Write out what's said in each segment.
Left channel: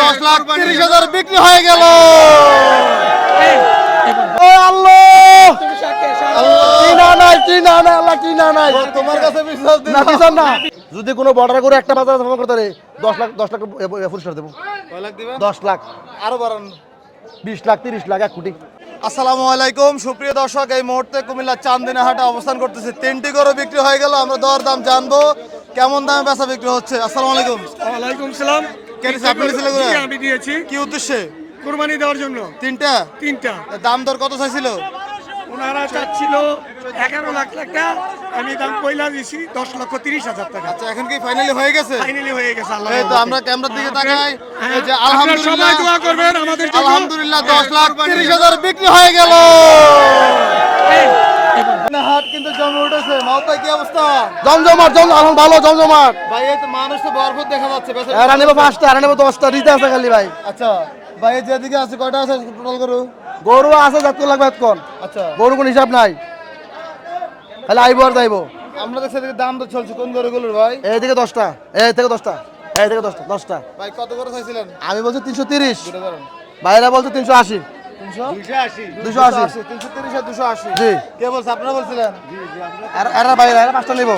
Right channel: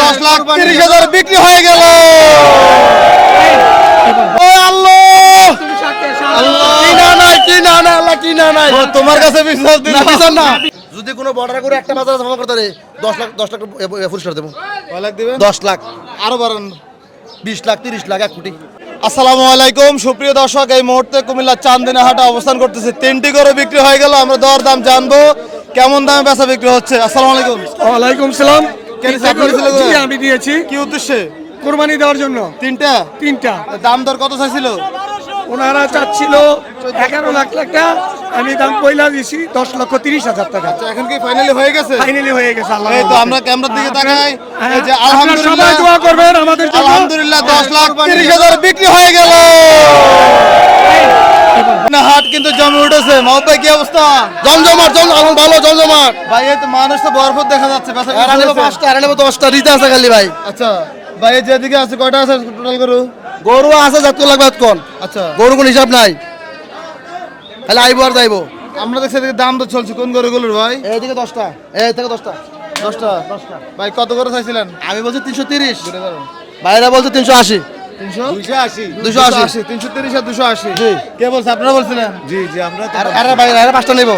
10,30,000 বিক্রি হয়ে গেল। ও আল্লাহ, তোমার কাছে বিশ্বাস না। যদি কোনো বর্ডার করে একটা বাজার জমা করতে পারে 10 লাখ পুরস্কার দেবো। 10 লাখ, আরো বাড়ান, 20 লাখ, 30 লাখ, 1 কোটি। আসসালামু আলাইকুম সুপ্রিয় দর্শক, এই মুহূর্তে কুমিল্লা চান্দিনা হাটে অবস্থান করতেছে। 3টি গরু বিক্রি হয়ে গেল, আমরা দর দাম জানবো, কেমন দামে বেচা বিক্রি হচ্ছে। আসসালামু আলাইকুম। ওয়ালাইকুম সালাম। আমি দিয়েছি কি উদ্দেশ্যে? কুরবানি দেওয়ার জন্য। তিনটা দাম দর কত চাইছিল? ওনারা চাচ্ছিল 11 লাখ টাকা, আমি দাম কইলা দিছি 10,30,000 টাকা। আচ্ছা, এখন কি ফাইনালি হয়ে গেছে? ফাইনালি হয়ে গেছে। আল্লাহ এই তো আমরা ক্যামেরার দিকে তাকাই, এই যে সবাই আলহামদুলিল্লাহ, দোয়া করবেন আমাদের জন্য। আলহামদুলিল্লাহ 10,30,000 বিক্রি হয়ে গেল। না হাট কিন্তু জমে উঠেছে। মাহবুব ভাই কি অবস্থা? জমজমাট, ভালো জমজমাট ভাই। এই তো মানুষ তো ভরপুর দেখা যাচ্ছে। এরা নেব 5টা, এরা নেব 10টা, রিতে আছে খালি ভাই। আচ্ছা ভাই, এই যেদিকে আছে কয়টা আছে টোটাল গরু? গরু আছে যত লাগবে তখন। আচ্ছা, গরু কোন হিসাব নাই, খালি আইবো আর যাইবো। আমরা দেখছি এদিকে দাম তো চলছে কোন গরুগুলোর ভাই? এইদিকে 10টা, এই থেকে 10টা। ভাই কত করে চাইছিলেন? আমি বলছি 330, বাইরে বলছে 380। 280, 330 আর 280। কে বলছে? আপনারা বলছিলেন? জি জি, আমরা আরে ভাই, আরে 5টা নেব।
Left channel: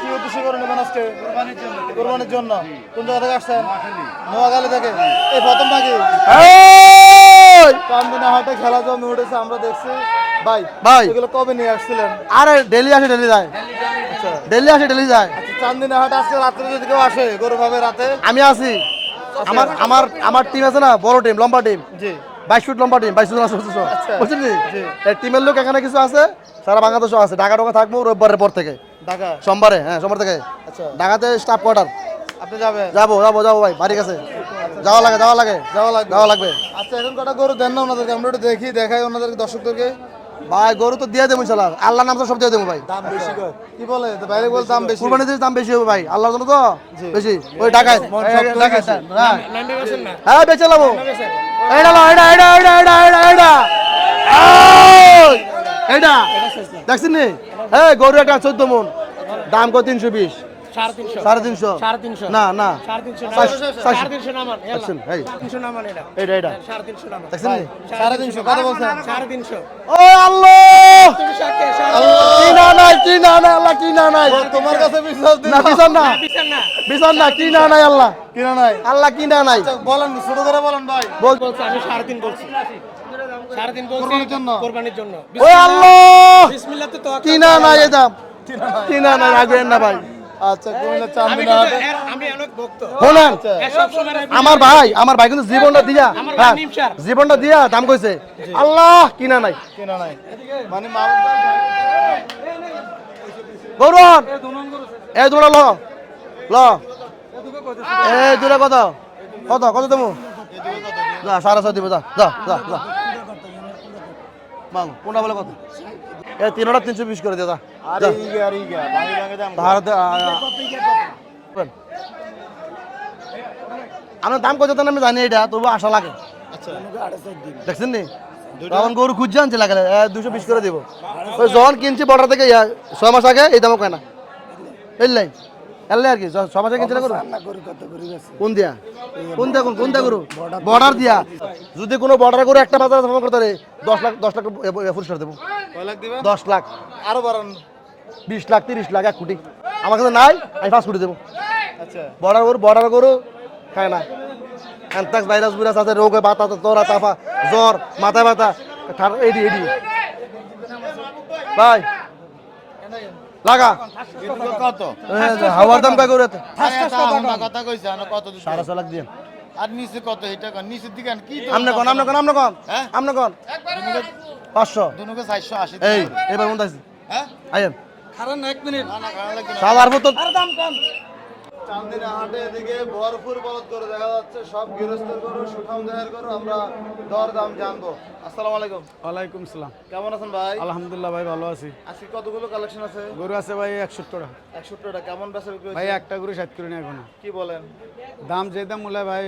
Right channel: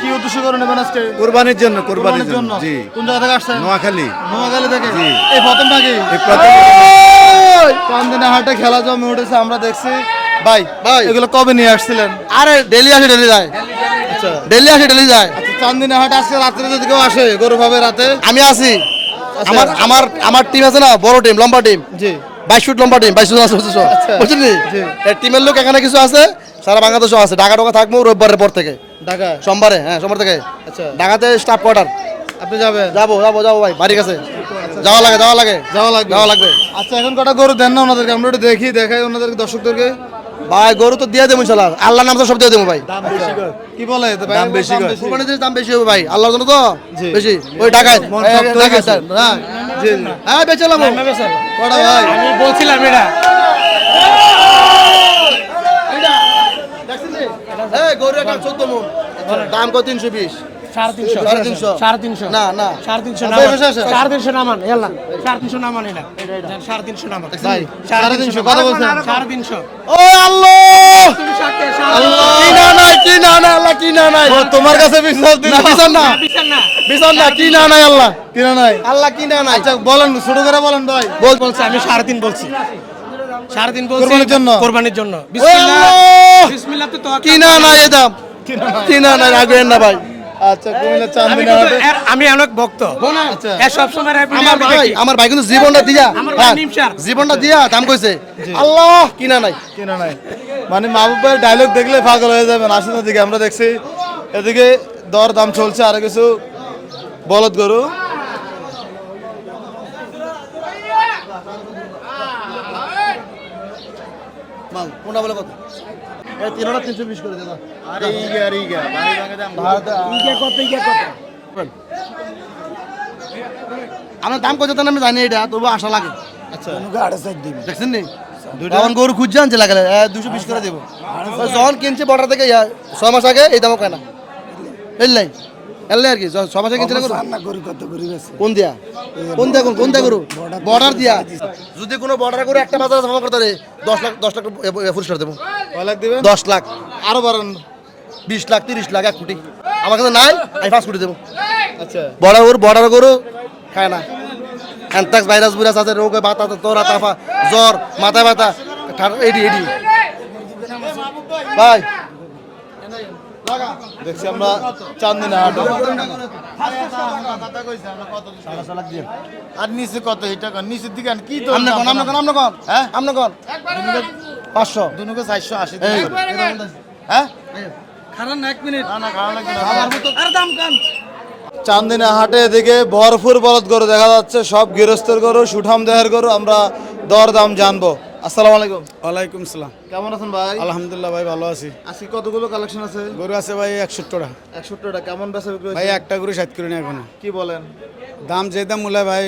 কি উদ্দেশ্য করে নেবেন আজকে? কুরবানির জন্য। কুরবানির জন্য জি। কোন জায়গা থেকে আসছেন? নোয়াখালী। নোয়াখালী থেকে। এই প্রথম নাকি চান্দিনা হাটে খেলা জমে উঠেছে, আমরা দেখছি। ভাই এগুলো কবে নিয়ে আসছিলেন? আরে ডেলি আসে, ডেলি যায়। আচ্ছা, ডেলি আসে, ডেলি যায়। আচ্ছা, চান্দিনা হাট আজকে রাত্রে যদি কেউ আসে গরু পাবে রাতে? আমি আছি। আমার টিম আছে না, বড় টিম, লম্বা টিম। জি, 22 ফুট লম্বা টিম, 22 আছে বুঝছেন? এই টিমের লোক এখানে কিছু আছে, সারা বাংলাদেশও আছে। ঢাকা থাকবো রোববারের পর থেকে। ঢাকা সোমবারে? হ্যাঁ, সোমবার থেকে। আচ্ছা, ঢাকাতে স্টাফ কোয়ার্টার। আপনি যাবেন? যাবো ভাই, বাড়ি কাছে যাওয়া লাগবে। আচ্ছা, এখন কটা গরু দেন না ওনাদেরকে, আমরা একটু দেখাই ওনাদেরকে, দর্শকদেরকে। ভাই গরু তো দিয়ে দেবো ইনশাআল্লাহ, আল্লাহর নাম তো সব দিয়ে দেবো ভাই। কি বলে দাম বেশি? কুরবানিতে দাম বেশি হবে ভাই, আল্লাহর জন্য তো বেশি। ওই ঢাকায় হ্যাঁ বেচে লাভ। এইটা দেখছেন নি? এই গরু একটা 14 মণ, দাম কত? 320। 350 না 350 নামান। ইয়াল্লা 350 নামান। এটা 350 নামান ভাই। 350 কত বলছেন? 350। ও আল্লাহ, তুমি সাথে কি না আল্লাহ, কি না নাই। তোমার কাছে বিশ্বাস না। কি না নাই আল্লাহ, কি না নাই আল্লাহ, কি না নাই। আচ্ছা বলেন, ছোট করে বলেন ভাই। বলছি আমি 3.5 বলছি। 3.5 বলছি কুরবানির জন্য। বিসমিল্লাহ তো কি না নাই, এই দাম কি না নাই রাখবেন না ভাই। আচ্ছা, কুমিল্লা চান্দিনা হাটে আমি অনেক ভক্ত। আচ্ছা, সব সময় আমার ভাই কিন্তু জীবনটা দিয়া দাম কইছে। আল্লাহ, কিনা নাই। মানে মাহবুব ভাই ডায়লগ দেখলে পাগল হয়ে যাবেন। আসুন এদিকে, আমরা দেখছি এদিকে দর দাম চলছে। আর কিছু বলদ গরু। এই দুটা কত দেবো? না 6.5 দিব। কোনটা বলে কত? 320 করে দাদা। আমরা দাম কত আমি জানি, এটা তবু আশা লাগে। আচ্ছা, দেখছেন নি তখন গরু খুঁজছে আনছে লাগে 220 করে দেবো। যখন কিনছে বর্ডার থেকে 6 মাস আগে, এই দামও কেন এলাই আর কি 6 মাসে কিনছে কোন দিয়া গরু? বর্ডার দিয়া। যদি কোনো বর্ডার করে একটা বাজার জমা করতে পারে 10 লাখ পুরস্কার দেবো। 10 লাখ, আরো বাড়ান, 20 লাখ, 30 লাখ, 1 কোটি। আমার কাছে নাই, আমি 5 কোটি দেবো। আচ্ছা, বর্ডার গরু খায় না। অ্যানথ্রাক্স ভাইরাস আছে, রোগ, বাতা, তোরা, তাফা, জ্বর, মাথা ব্যথা, এডি ভাই লাগা দেখছি আমরা চান্দিনা দামটা করে তো কথা কইছে না কত 6.5 লাখ দিয়ে। আর নিচে কত? এটা কোন নিচের দিকে কি তো? আমনে কোন হ্যাঁ আমনে কোন 500 দুনুকে 480। এই এটা কোনটা আছে? হ্যাঁ আইন খারান 1 মিনিট। না খারাপ লাগবে না, খাবার মত। আরে দাম কম। চান্দিনা হাটে এদিকে ভরপুর বলদ গরু দেখা যাচ্ছে, সব গৃহস্থের গরু, সুঠাম দেহের গরু। আমরা দর দাম জানবো। আসসালামু আলাইকুম। ওয়ালাইকুম সালাম। কেমন আছেন ভাই? আলহামদুলিল্লাহ ভাই, ভালো আছি। আজকে কতগুলো কালেকশন আছে? গরু আছে ভাই 61টা। 61টা কেমন বেচা বিক্রি ভাই হইছে? একটা গরু 60 করে নিয়ে এখন। কি বলেন? দাম যে দাম মূল্য ভাই,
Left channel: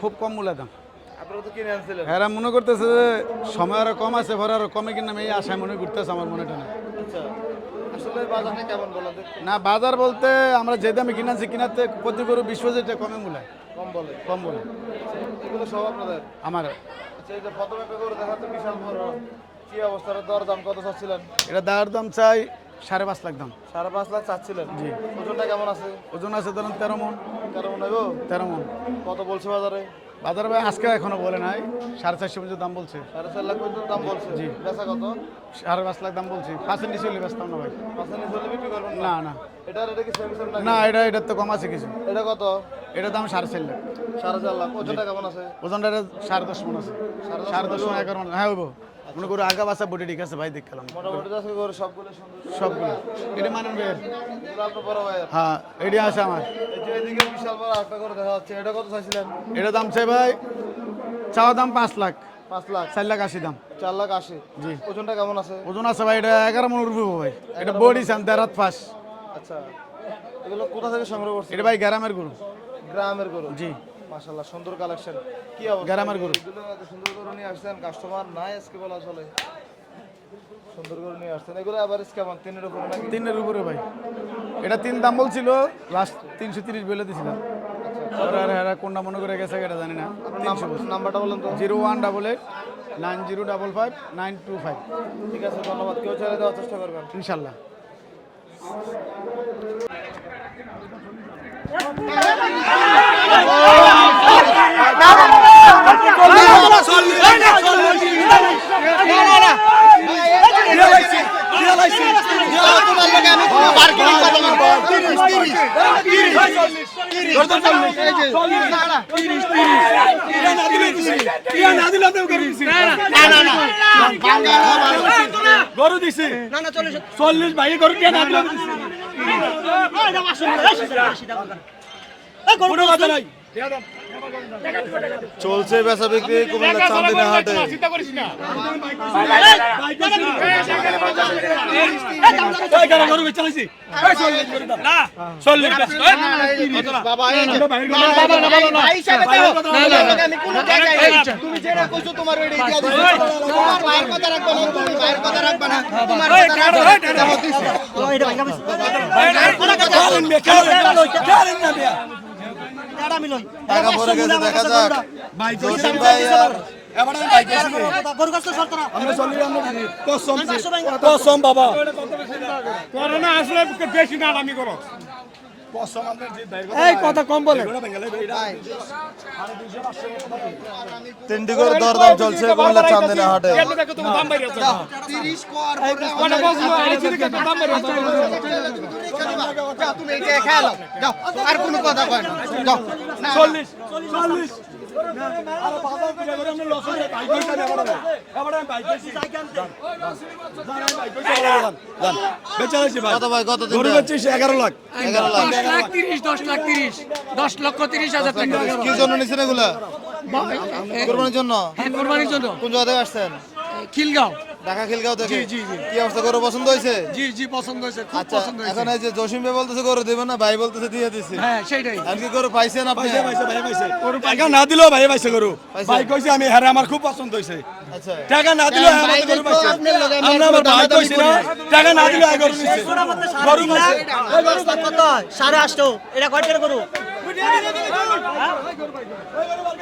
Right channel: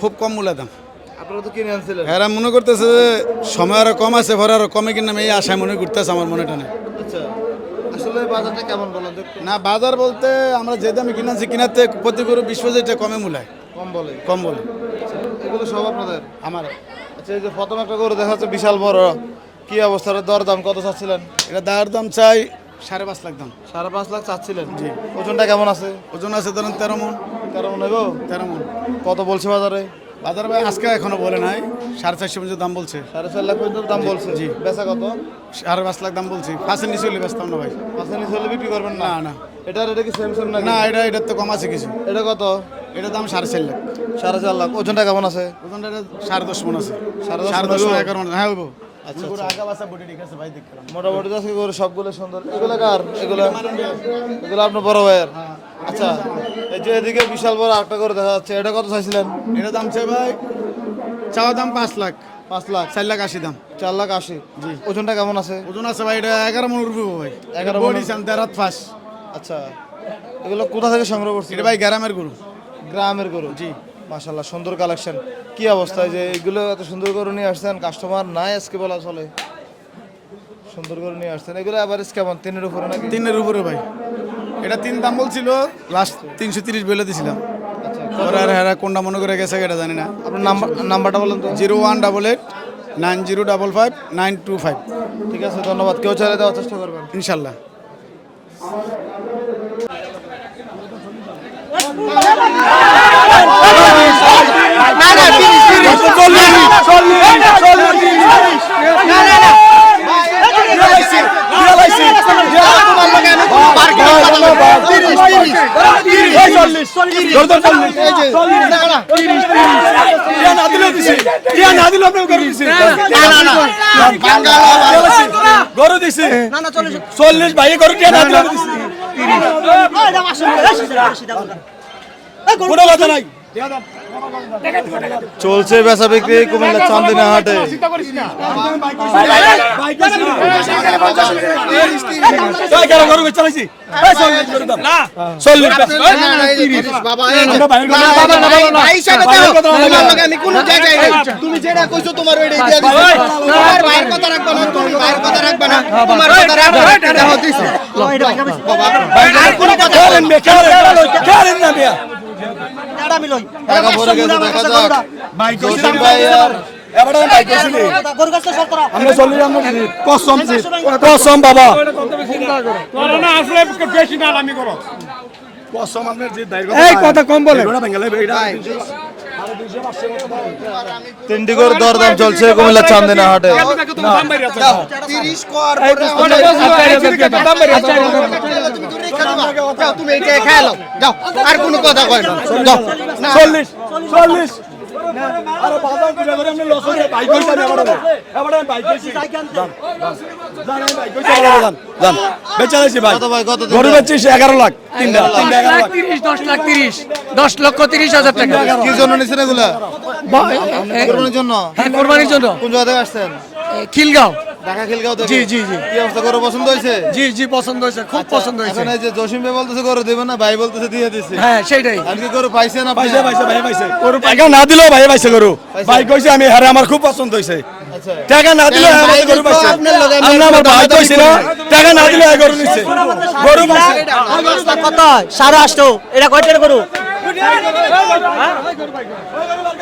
খুব কম মূল্য দাম। আপনারা তো কিনে আনছিলেন। এরা মনে করতেছে যে সময় আরো কম আছে, ভরে আরো কমে কিনা, এই আশায় মনে করতেছে আমার মনে টানে। আচ্ছা, আসলে বাজারটা কেমন বলেন তো? না বাজার বলতে আমরা যে দামে কিনেছি, কিনাতে প্রতি গরু 20-25 টাকা কমে মূল্য। কম বলে। কম বলে। এগুলো সব আপনাদের? আমার আচ্ছা, এই যে প্রথম একটা গরু দেখা যাচ্ছে বিশাল বড়, কি অবস্থা? দরদাম কত চাচ্ছিলেন? এটা দাঁড় দাম চাই 5.5 লাখ দাম। 5.5 লাখ চাচ্ছিলেন? জি। ওজনটা কেমন আছে? ওজন আছে ধরেন 13 মন। 13 মন হইব? 13 মন। কত বলছে বাজারে? বাজার ভাই আজকে এখনো বলে নাই, 4.5 পর্যন্ত দাম বলছে। 4.5 লাখ পর্যন্ত দাম বলছে? জি। বেচা কত? 5.5 লাখ দাম বলছি। 5-এর নিচে হলে বেচতাম না ভাই। পাঁচের নিচে হলে বিক্রি করবেন না? না না এটা কি সেম সেম নাকি? না, এটার তো কম আছে কিছু। এটা কত? এটা দাম 4.5 লাখ। 4.5 লাখ। ওজনটা কেমন আছে? ওজনটা 10.5 মন আছে। 10.5 10.5 11 মন। হ্যাঁ হইব। আচ্ছা করে আগা বাসা বডি ঠিক আছে ভাই, দেখলাম। মোটামুটি তো আজকে গরু সবগুলো সুন্দর। এগুলো কার? এগুলো আপনার বড় ভাইয়ের? হ্যাঁ, এডি আছে আমার। এই যে এদিকে বিশাল বড় আরেকটা করে দেখা যাচ্ছে, এটা কত চাইছিলেন? এটা দাম চাই ভাই, চাওয়া দাম 5 লাখ। 5 লাখ। 4 লাখ 80 দাম। 4 লাখ 80। ওজনটা কেমন আছে? ওজন আছে ভাই, এটা 11 মন উঠবে ভাই। 11 মণ। বডি সাম দেরাত ফাস। আচ্ছা, এগুলো কোথা থেকে সংগ্রহ করছেন? এটা ভাই গ্রামের গরু। গ্রামের গরু? জি। মাশাআল্লাহ, সুন্দর কালেকশন। কি অবস্থা যে এগুলো এত সুন্দর গরু নিয়ে আসছেন? কাস্টমার নাই আজকে বলা চলে। সুন্দর গরু নিয়ে আসছেন। এগুলো এভারেজ কেমন? 3-এর উপরে নাকি? 3-এর উপরে ভাই। এটা 3 দাম বলছিল, লাস্ট 330 বলে দিছিলাম। ওরা আর হেরা কোনটা মনে করে গেছে এটা জানি না। আপনার নাম্বারটা বলেন তো। 0188 9055 925। ঠিক আছে, ধন্যবাদ। কেউ চাইলে দেওয়ার চেষ্টা করবেন ইনশাল্লাহ। গরু দিছি 40 ভাই গরু কে না দিল কোনো কথা নাই। চলছে বেচা বিক্রি কুমিল্লা চান্দিনা হাটে। গরু চালাইছি তুমি যেটা কইছো তোমার ওইটাই দিয়া দিছি। তোমার ভাইয়ের কথা রাখবা না, তুমি ভাইয়ের কথা রাখবা না, তোমার কথা রাখবা না, এটা দাও দিছি। আর কোন কথা বলেন না, কারেন না মিয়া এটা আমি লই। টাকা পড়ে গেছে, দেখা যাক। জসিম ভাই আর এবারে ভাই কইছি গরু গাছটা সর করা। আমরা চলি আমরা কসম কসম বাবা কসম আপনার যে এই কথা কম বলে ওটা বেঙ্গলে এটা 3টি করে দরদাম চলছে কুমিল্লা চান্দিনা হাটে। 30 কর যাও, তুমি এইটা খেয়ে নাও যাও, আর কোনো কথা কয় না যাও। 40 আরে বাজার করে ধরে আমরা লস হয়ে ভাই কইছি আমি এবারে ভাই কইছি জান আমি ভাই কইছি জান বেচাইছি ভাই কত ভাই, কত দিন? গরু বেচছি 11 লাখ তিনটা 11 লাখ 10 লক্ষ 30,000 টাকা কি জন্য নিছেন এগুলা? কোরবানির জন্য? হ্যাঁ, কোরবানির জন্য। কোন জায়গা থেকে আসছেন? খিলগাঁও। ঢাকা খিলগাঁও থেকে? জি, জি, জি। কি অবস্থা, গরু পছন্দ হয়েছে? জি জি, পছন্দ হয়েছে, খুব আচ্ছা, পছন্দ হয়েছে। এখন এই যে জসিম ভাই বলতেছে গরু দেবেন না, ভাই বলতেছে দিয়ে দিছে। হ্যাঁ, সেটাই। আর কি গরু পাইছেন আপনি? পাইছে ভাই পাইছে গরু টাকা না দিলেও ভাই পাইছে গরু ভাই কইছে আমি হারে আমার খুব পছন্দ হইছে আচ্ছা, টাকা না দিলেও আমার গরু পাইছে আমরা আমার ভাই কইছিল টাকা না দিলেও গরু নিছে গরু পাইছে কত 8.5 এটা কয়টার গরু?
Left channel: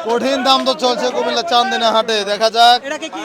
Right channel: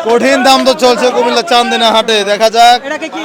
কঠিন দাম তো চলছে কুমিল্লা চান্দিনা হাটে, দেখা যাক। এটাকে কি